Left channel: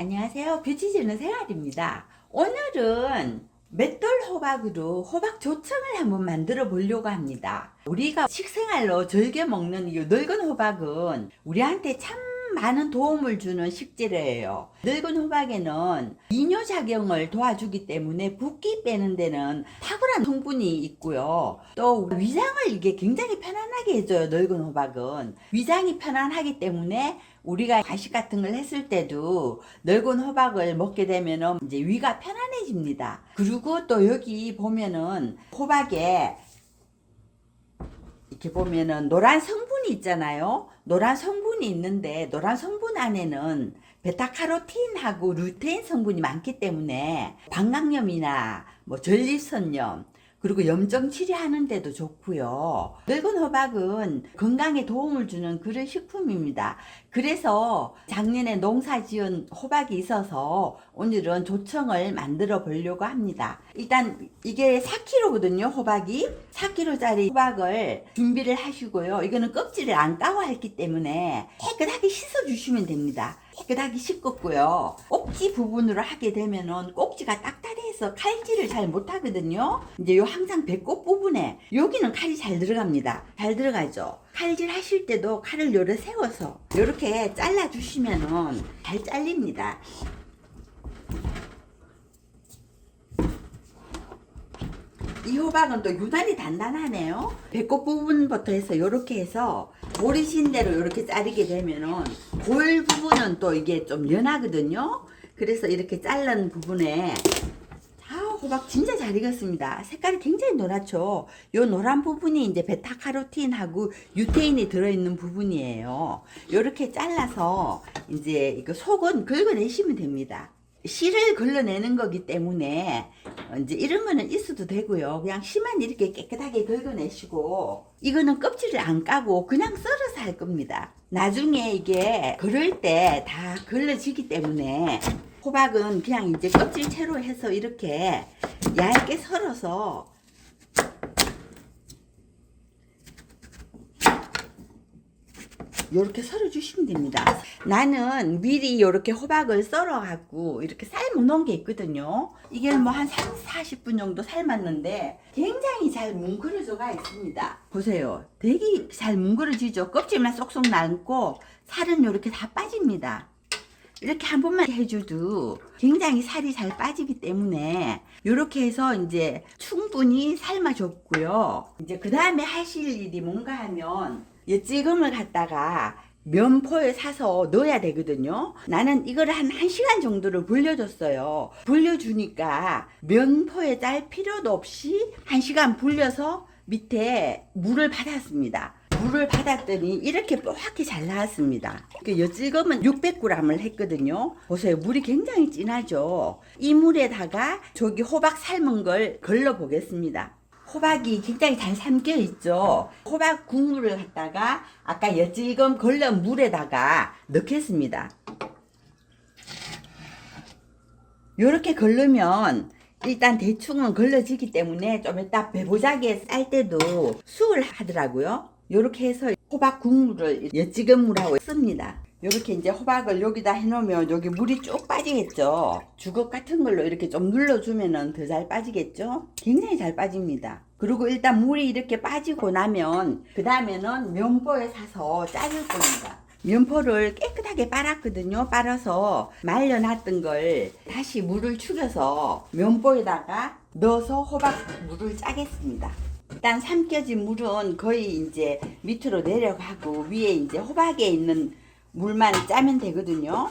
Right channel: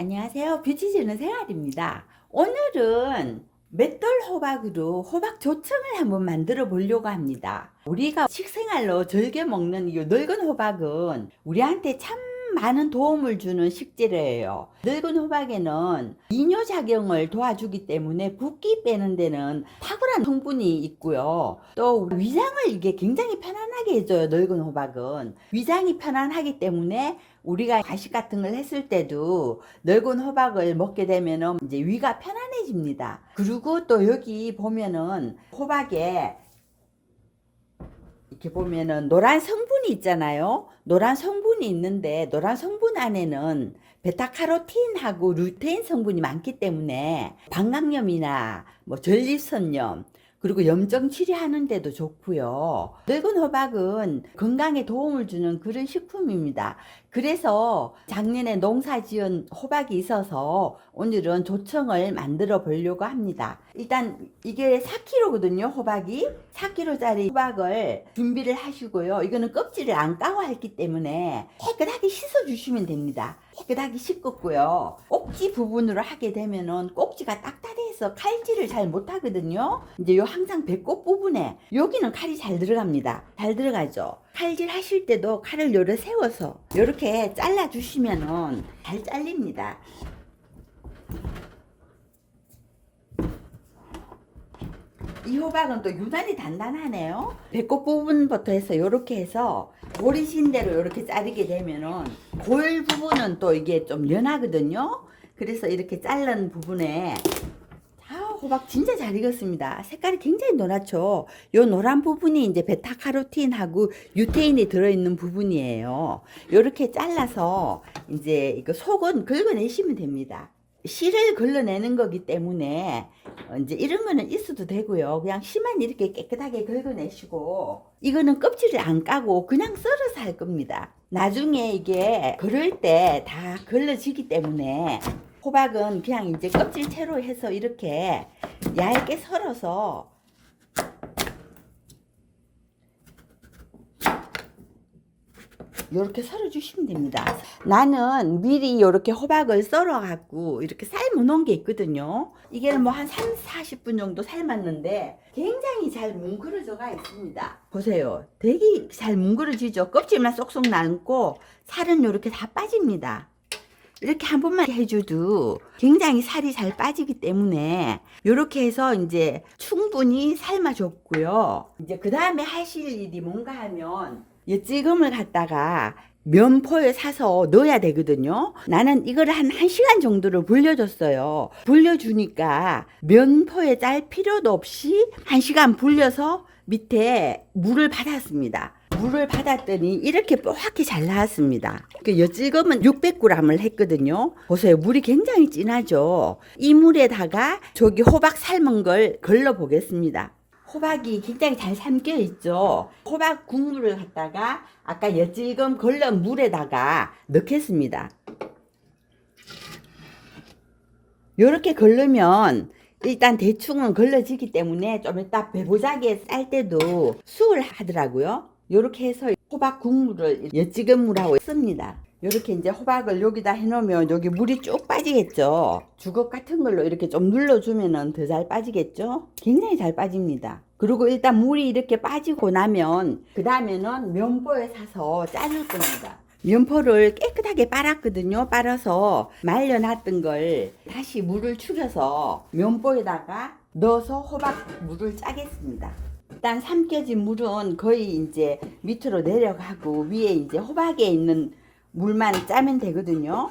안녕하세요. 뷰티지는 생활입니다. 오늘은 맷돌 호박으로 호박 조청을 한번 만들어 보려고 합니다. 우리가 식생활로 즐겨 먹는 이 늙은 호박은 우리한테 참 많은 도움을 주는 식재료예요. 늙은 호박에는 이뇨작용을 도와주기 때문에 붓기 빼는 데는 탁월한 성분이 있고요. 또 위장을 이게 굉장히 편안하게 해줘요. 늙은 호박은 위장이 편안하기 때문에 우리가 가식 같은 걸 했을 때도 늙은 호박을 먹게 되면은 이제 위가 편안해집니다. 그리고 또 여기 보면은 호박에 이렇게 보면은 노란 성분이 있잖아요. 노란 성분이 있는데 노란 성분 안에는 베타카로틴하고 루테인 성분이 많기 때문에 방광염이나 뭐 전립선염 그리고 염증 치료하는 데도 좋고요. 늙은 호박은 건강에 도움을 주는 그런 식품입니다. 그래서 작년에 농사 지은 호박이 있어서 오늘은 조청을 만들어 보려고 합니다. 일단 이게 4kg거든요. 호박이 4kg짜리 호박을 준비를 하시고요. 이거는 껍질을 안 까고 했기 때문에 깨끗하게 씻어 주시면 됩니다. 깨끗하게 씻었고요. 꼭지 부분으로 하게 되면은 꼭지가 딱딱해서 칼질을 잘 못하거든요. 이제 요 항상 배꼽 부분에 여기는 칼이 잘 들어갑니다. 잘 들어가죠. 칼질 하실 때도 칼을 요래 세워서 요렇게 잘라 주시면은 잘 잘립니다. 이 호박은 또 유난히 단단하네요. 배꼽 부분부터 해서 요렇게 해서 모르신 대로 요렇게 자르게 되면은 골 부분은 또 이게 좀 연하거든요. 그래서 이렇게 자른 부분에 호박 진짜 잘 익었습니다. 색깔이 굉장히 노랗죠. 요 노란 부분이 이제 베타카로틴하고 유테인이 들어있는 부분이에요. 요렇게 잘라서 이제 이거 속은 긁어내시면 됩니다. 씨를 걸러내는 거기 때문에 이제 이런 거는 있어도 되고요. 그냥 씨만 이렇게 깨끗하게 긁어내시고 이거는 껍질을 안 까고 그냥 썰어서 할 겁니다. 나중에 이게 걸을 때 다 걸러지기 때문에 호박은 그냥 이제 껍질 채로 해서 이렇게 얇게 썰어서 이렇게 썰어 주시면 됩니다. 나는 미리 이렇게 호박을 썰어 갖고 이렇게 삶아 놓은 게 있거든요. 이게 뭐 한 30-40분 정도 삶았는데 굉장히 잘 뭉클어져가 있습니다. 보세요. 되게 잘 뭉클어지죠. 껍질만 쏙쏙 남고 살은 이렇게 다 빠집니다. 이렇게 한 번만 해줘도 굉장히 살이 잘 빠지기 때문에 이렇게 해서 이제 충분히 삶아줬고요. 이제 그 다음에 하실 일이 뭔가 하면 엿지금을 갖다가 면포에 사서 넣어야 되거든요. 나는 이거를 한 1시간 정도를 불려줬어요. 불려주니까 면포에 짤 필요도 없이 1시간 불려서 밑에 물을 받았습니다. 물을 받았더니 이렇게 뽀얗게 잘 나왔습니다. 엿질금은 600g을 했거든요. 보세요. 물이 굉장히 진하죠. 이 물에다가 저기 호박 삶은 걸 걸러 보겠습니다. 호박이 굉장히 잘 삶겨 있죠. 호박 국물을 갖다가 아까 엿질금 걸른 물에다가 넣겠습니다. 이렇게 걸르면 일단 대충은 걸러지기 때문에 좀 이따 배보자기에 쌀 때도 수을 하더라고요. 이렇게 해서 호박 국물을 엿지금 물하고 씁니다. 이렇게 이제 호박을 여기다 해놓으면 여기 물이 쭉 빠지겠죠. 주걱 같은 걸로 이렇게 좀 눌러주면은 더 잘 빠지겠죠. 굉장히 잘 빠집니다. 그리고 일단 물이 이렇게 빠지고 나면 그 다음에는 면보에 사서 자를 겁니다. 면포를 깨끗하게 빨았거든요. 빨아서 말려놨던 걸 다시 물을 축여서 면보에다가 넣어서 호박 물을 짜겠습니다. 일단 삼켜진 물은 거의 이제 밑으로 내려가고 위에 이제 호박에 있는 물만 짜면 되거든요.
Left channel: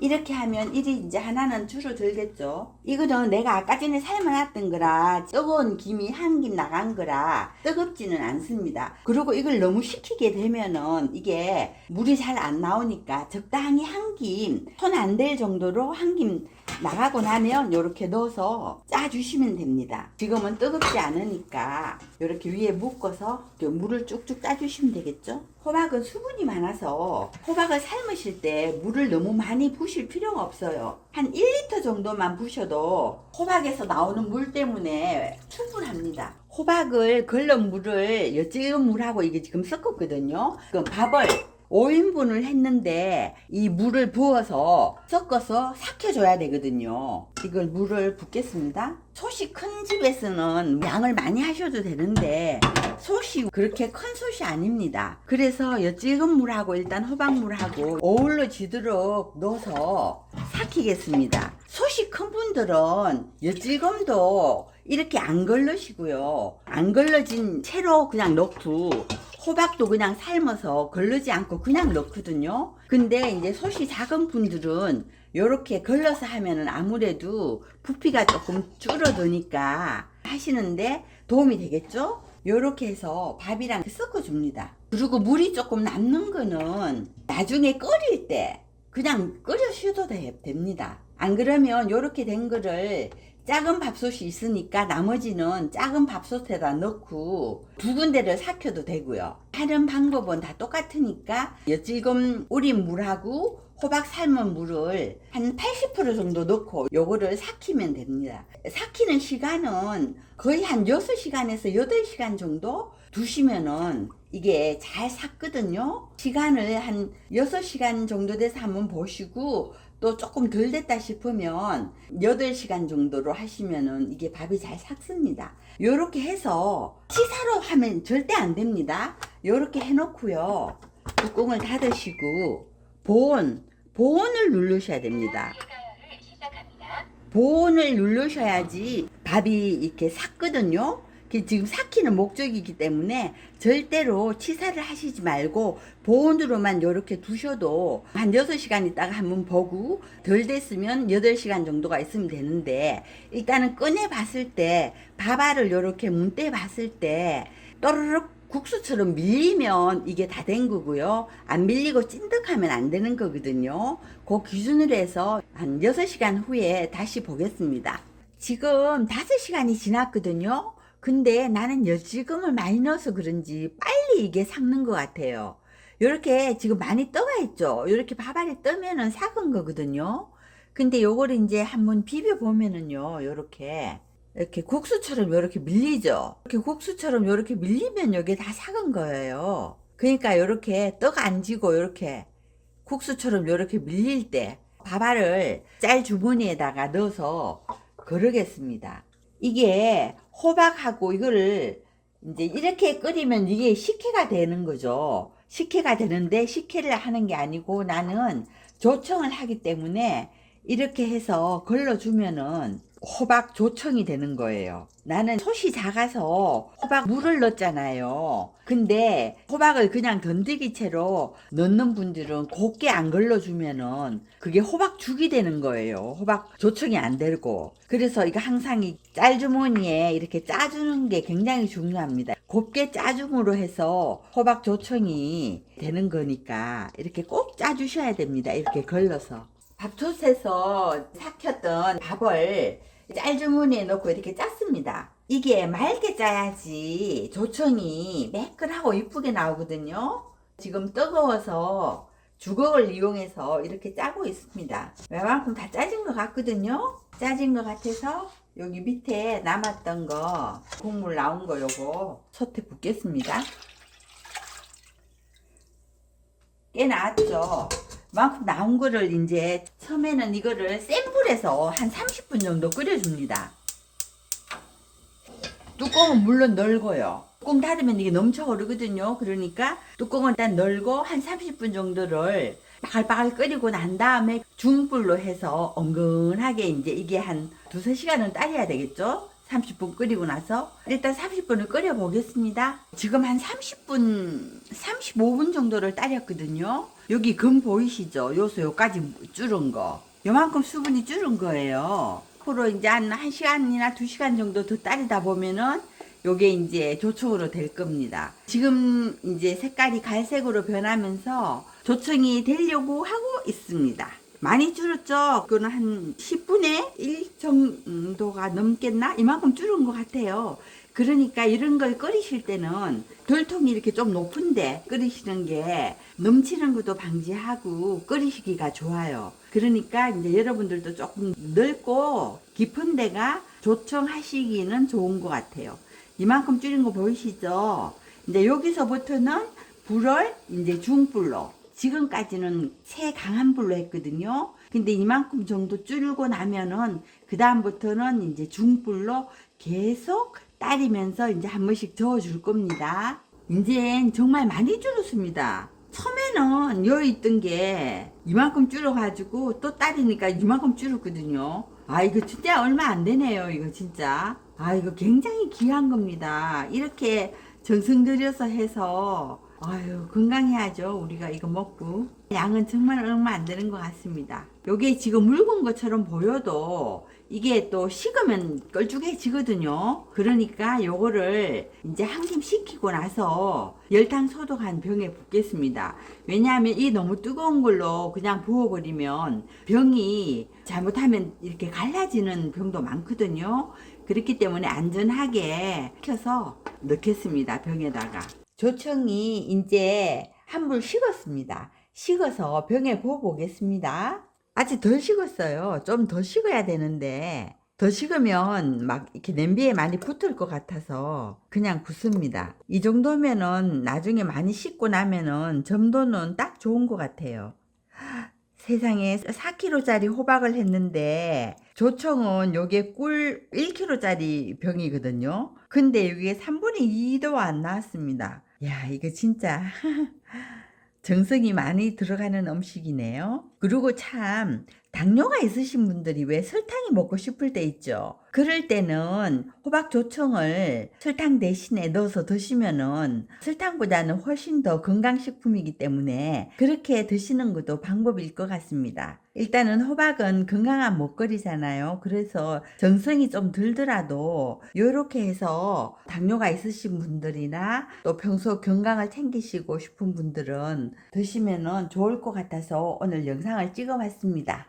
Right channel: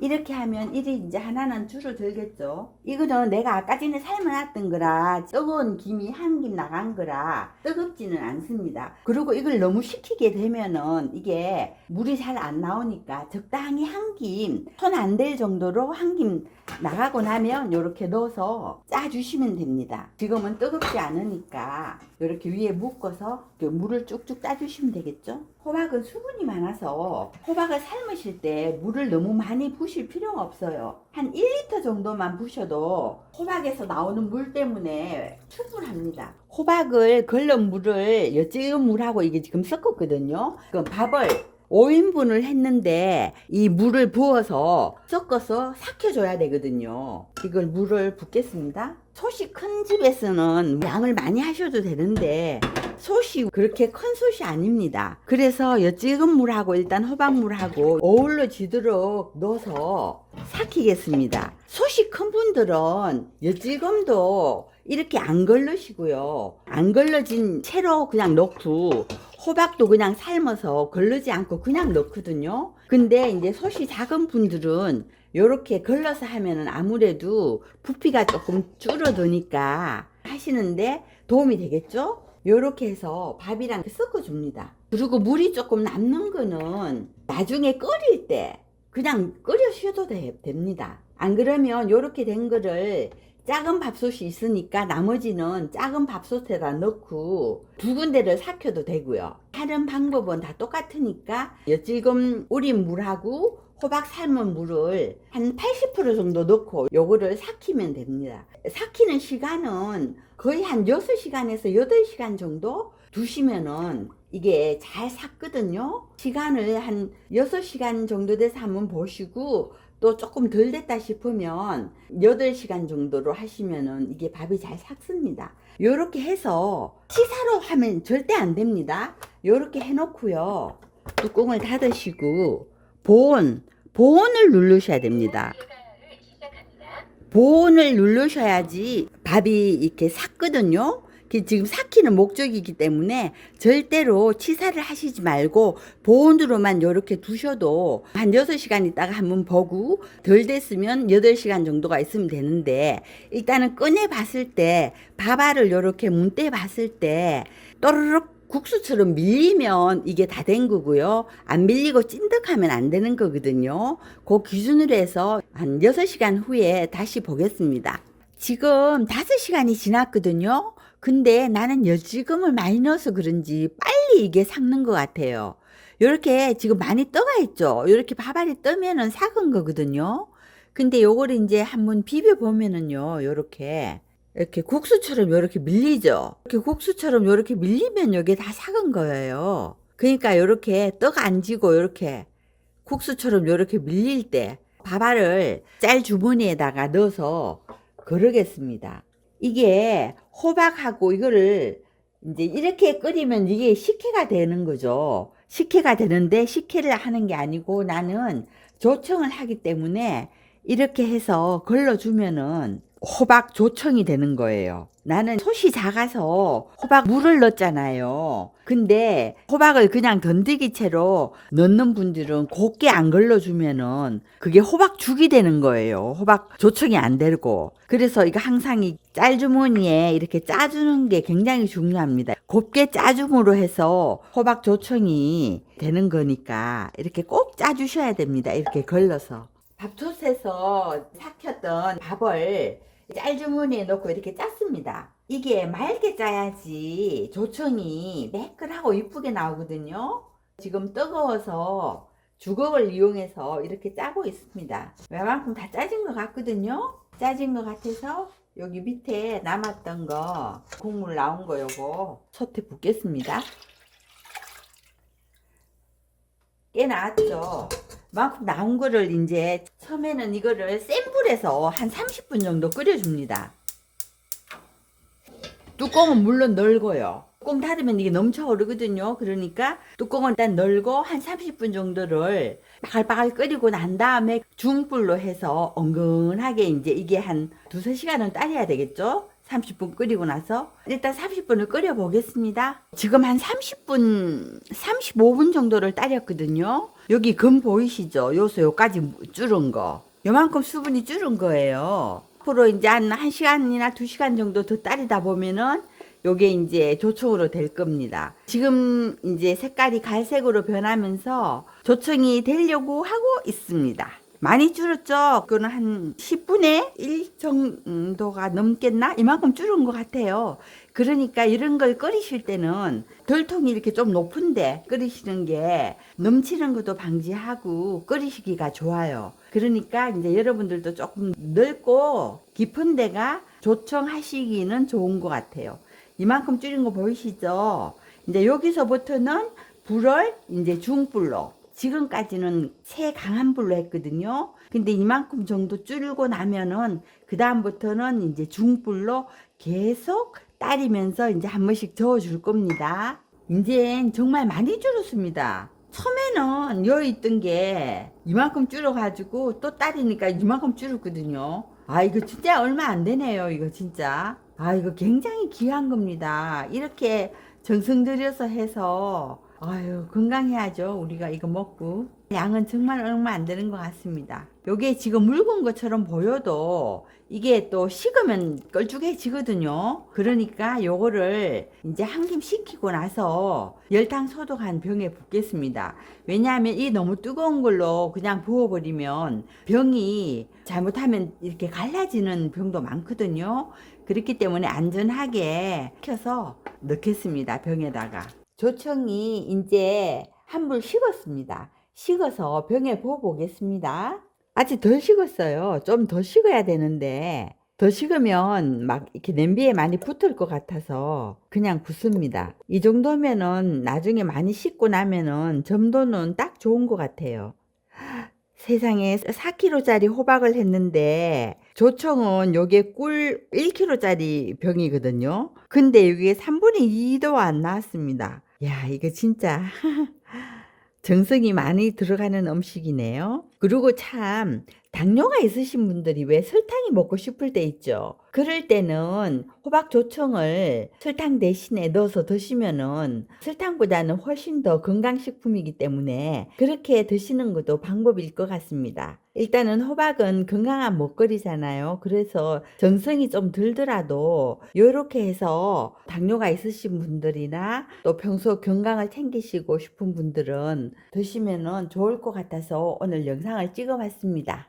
이렇게 하면 일이 이제 하나는 줄어들겠죠. 이거는 내가 아까 전에 삶아놨던 거라 뜨거운 김이 한 김 나간 거라 뜨겁지는 않습니다. 그리고 이걸 너무 식히게 되면은 이게 물이 잘 안 나오니까 적당히 한 김 손 안 댈 정도로 한 김 나가고 나면 이렇게 넣어서 짜주시면 됩니다. 지금은 뜨겁지 않으니까 이렇게 위에 묶어서 물을 쭉쭉 짜주시면 되겠죠. 호박은 수분이 많아서 호박을 삶으실 때 물을 너무 많이 부실 필요가 없어요. 한 1리터 정도만 부셔도 호박에서 나오는 물 때문에 충분합니다. 호박을 걸른 물을 엿지금 물하고 이게 지금 섞었거든요. 그럼 밥을 5인분을 했는데 이 물을 부어서 섞어서 삭혀줘야 되거든요. 이걸 물을 붓겠습니다. 솥이 큰 집에서는 양을 많이 하셔도 되는데 솥이 그렇게 큰 솥이 아닙니다. 그래서 엿질은 물하고 일단 호박물하고 어우러지도록 넣어서 삭히겠습니다. 솥이 큰 분들은 엿질금도 이렇게 안 걸르시고요. 안 걸러진 채로 그냥 넣고 호박도 그냥 삶아서 걸르지 않고 그냥 넣거든요. 근데 이제 솥이 작은 분들은 요렇게 걸러서 하면은 아무래도 부피가 조금 줄어드니까 하시는데 도움이 되겠죠? 요렇게 해서 밥이랑 섞어 줍니다. 그리고 물이 조금 남는 거는 나중에 끓일 때 그냥 끓여셔도 됩니다. 안 그러면 요렇게 된 거를 작은 밥솥이 있으니까 나머지는 작은 밥솥에다 넣고 두 군데를 삭혀도 되고요. 하는 방법은 다 똑같으니까 엿질금 우린 물하고 호박 삶은 물을 한 80% 정도 넣고 요거를 삭히면 됩니다. 삭히는 시간은 거의 한 6시간에서 8시간 정도 두시면은 이게 잘 삭거든요. 시간을 한 6시간 정도 돼서 한번 보시고 또 조금 덜 됐다 싶으면 8시간 정도로 하시면은 이게 밥이 잘 삭습니다. 요렇게 해서 치사로 하면 절대 안 됩니다. 요렇게 해놓고요. 뚜껑을 닫으시고 보온을 누르셔야 됩니다. 보온을 누르셔야지 밥이 이렇게 삭거든요. 지금 삭히는 목적이기 때문에 절대로 치사를 하시지 말고 보온으로만 이렇게 두셔도 한 6시간 있다가 한번 보고 덜 됐으면 8시간 정도가 있으면 되는데 일단은 꺼내 봤을 때 밥알을 이렇게 문대 봤을 때 또르륵 국수처럼 밀리면 이게 다 된 거고요. 안 밀리고 찐득하면 안 되는 거거든요. 그 기준으로 해서 한 6시간 후에 다시 보겠습니다. 지금 5시간이 지났거든요. 근데 나는 엿질금을 많이 넣어서 그런지 빨리 이게 삭는 것 같아요. 이렇게 지금 많이 떠가 있죠. 이렇게 밥알이 뜨면은 삭은 거거든요. 근데 요거를 이제 한번 비벼 보면은요. 이렇게 국수처럼 이렇게 밀리죠. 이렇게 국수처럼 이렇게 밀리면 이게 다 삭은 거예요. 그러니까 이렇게 떡 안 지고 이렇게 국수처럼 이렇게 밀릴 때 밥알을 짤 주머니에다가 넣어서 거르겠습니다. 이게 호박하고 이거를 이제 이렇게 끓이면 이게 식혜가 되는 거죠. 식혜가 되는데 식혜를 하는 게 아니고 나는 조청을 하기 때문에 이렇게 해서 걸러주면은 호박 조청이 되는 거예요. 나는 솥이 작아서 호박 물을 넣었잖아요. 근데 호박을 그냥 건더기채로 넣는 분들은 곱게 안 걸러주면은 그게 호박죽이 되는 거예요. 호박 조청이 안 되고. 그래서 이거 항상 이 짤주머니에 이렇게 짜주는 게 굉장히 중요합니다. 곱게 짜줌으로 해서 호박 조청이 되는 거니까 이렇게 꼭 짜주셔야 됩니다. 이렇게 걸러서. 밥솥에서 삭혔던 밥을 짤주머니에 넣고 이렇게 짰습니다. 이게 맑게 짜야지 조청이 매끈하고 이쁘게 나오거든요. 지금 뜨거워서 주걱을 이용해서 이렇게 짜고 있습니다. 웬만큼 다 짜진 것 같거든요. 짜진 것 같아서 여기 밑에 남았던 거 국물 나온 거 요거 솥에 붓겠습니다. 꽤 나왔죠. 만큼 나온 거를 이제 처음에는 이거를 센 불에서 한 30분 정도 끓여줍니다. 뚜껑은 물론 넓어요. 뚜껑 닫으면 이게 넘쳐 오르거든요. 그러니까 뚜껑을 일단 넓고 한 30분 정도를 바글바글 끓이고 난 다음에 중불로 해서 엉근하게 이제 이게 한 2~3시간은 따려야 되겠죠. 30분 끓이고 나서 일단 30분을 끓여 보겠습니다. 지금 한 30분 35분 정도를 따렸거든요. 여기 금 보이시죠? 요까지 줄은 거 요만큼 수분이 줄은 거예요. 앞으로 이제 한 1시간이나 2시간 정도 더 따리다 보면은 요게 이제 조청으로 될 겁니다. 지금 이제 색깔이 갈색으로 변하면서 조청이 되려고 하고 있습니다. 많이 줄었죠? 그거는 한 10분의 1 정도가 넘겠나? 이만큼 줄은 것 같아요. 그러니까 이런 걸 끓이실 때는 돌통이 이렇게 좀 높은데 끓이시는 게 넘치는 것도 방지하고 끓이시기가 좋아요. 그러니까 이제 여러분들도 조금 넓고 깊은 데가 조청하시기는 좋은 것 같아요. 이만큼 줄인 거 보이시죠? 이제 여기서부터는 불을 이제 중불로 지금까지는 새 강한 불로 했거든요. 근데 이만큼 정도 줄고 나면은 그 다음부터는 이제 중불로 계속 따리면서 이제 한 번씩 저어줄 겁니다. 이제 정말 많이 줄었습니다. 처음에는 여기 있던 게 이만큼 줄어가지고 또 따리니까 이만큼 줄었거든요. 아, 이거 진짜 얼마 안 되네요. 이거 진짜. 아, 이거 굉장히 귀한 겁니다. 이렇게 정성 들여서 해서 아유, 건강해야죠. 우리가 이거 먹고. 양은 정말 얼마 안 되는 것 같습니다. 요게 지금 묽은 것처럼 보여도 이게 또 식으면 걸쭉해지거든요. 그러니까 요거를 이제 한김 식히고 나서 열탕 소독한 병에 붓겠습니다. 왜냐하면 이 너무 뜨거운 걸로 그냥 부어버리면 병이 잘못하면 이렇게 갈라지는 병도 많거든요. 그렇기 때문에 안전하게 식혀서 넣겠습니다. 병에다가. 조청이 이제 한물 식었습니다. 식어서 병에 부어 보겠습니다. 아직 덜 식었어요. 좀 더 식어야 되는데 더 식으면 막 이렇게 냄비에 많이 붙을 것 같아서 그냥 붓습니다. 이 정도면은 나중에 많이 식고 나면은 점도는 딱 좋은 것 같아요. 세상에 4kg짜리 호박을 했는데 조청은 요게 꿀 1kg짜리 병이거든요. 근데 이게 3분의 2도 안 나왔습니다. 야, 이거 진짜 정성이 많이 들어가는 음식이네요. 그리고 참 당뇨가 있으신 분들이 왜 설탕이 먹고 싶을 때 있죠. 그럴 때는 호박 조청을 설탕 대신에 넣어서 드시면은 설탕보다는 훨씬 더 건강식품이기 때문에 그렇게 드시는 것도 방법일 것 같습니다. 일단은 호박은 건강한 먹거리잖아요. 그래서 정성이 좀 들더라도 이렇게 해서 당뇨가 있으신 분들이나 또 평소 건강을 챙기시고 싶은 분들은 드시면은 좋을 것 같아서 오늘 영상을 찍어봤습니다.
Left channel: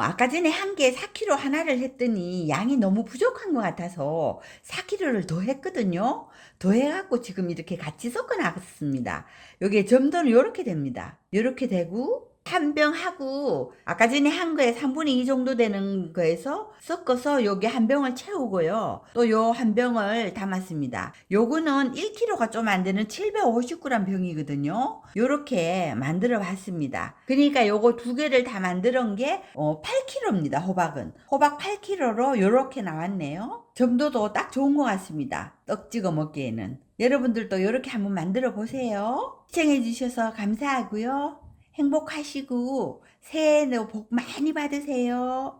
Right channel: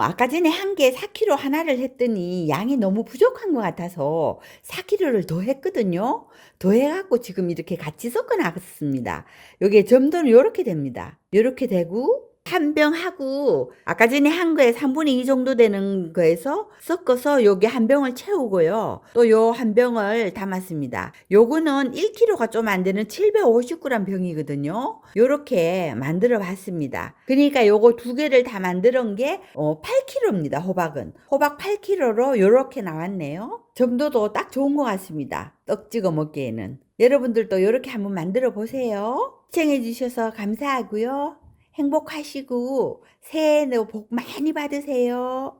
아까 전에 한 개 4kg 하나를 했더니 양이 너무 부족한 것 같아서 4kg를 더 했거든요. 더 해갖고 지금 이렇게 같이 섞어 놨습니다. 여기에 점도는 이렇게 됩니다. 이렇게 되고 한 병 하고 아까 전에 한 거에 3분의 2 정도 되는 거에서 섞어서 여기 한 병을 채우고요. 또 요 한 병을 담았습니다. 요거는 1kg가 좀 안 되는 750g 병이거든요. 요렇게 만들어 봤습니다. 그러니까 요거 두 개를 다 만드는 게 8kg입니다. 호박은. 호박 8kg로 요렇게 나왔네요. 점도도 딱 좋은 것 같습니다. 떡 찍어 먹기에는. 여러분들도 요렇게 한번 만들어 보세요. 시청해 주셔서 감사하고요. 행복하시고 새해도 복 많이 받으세요.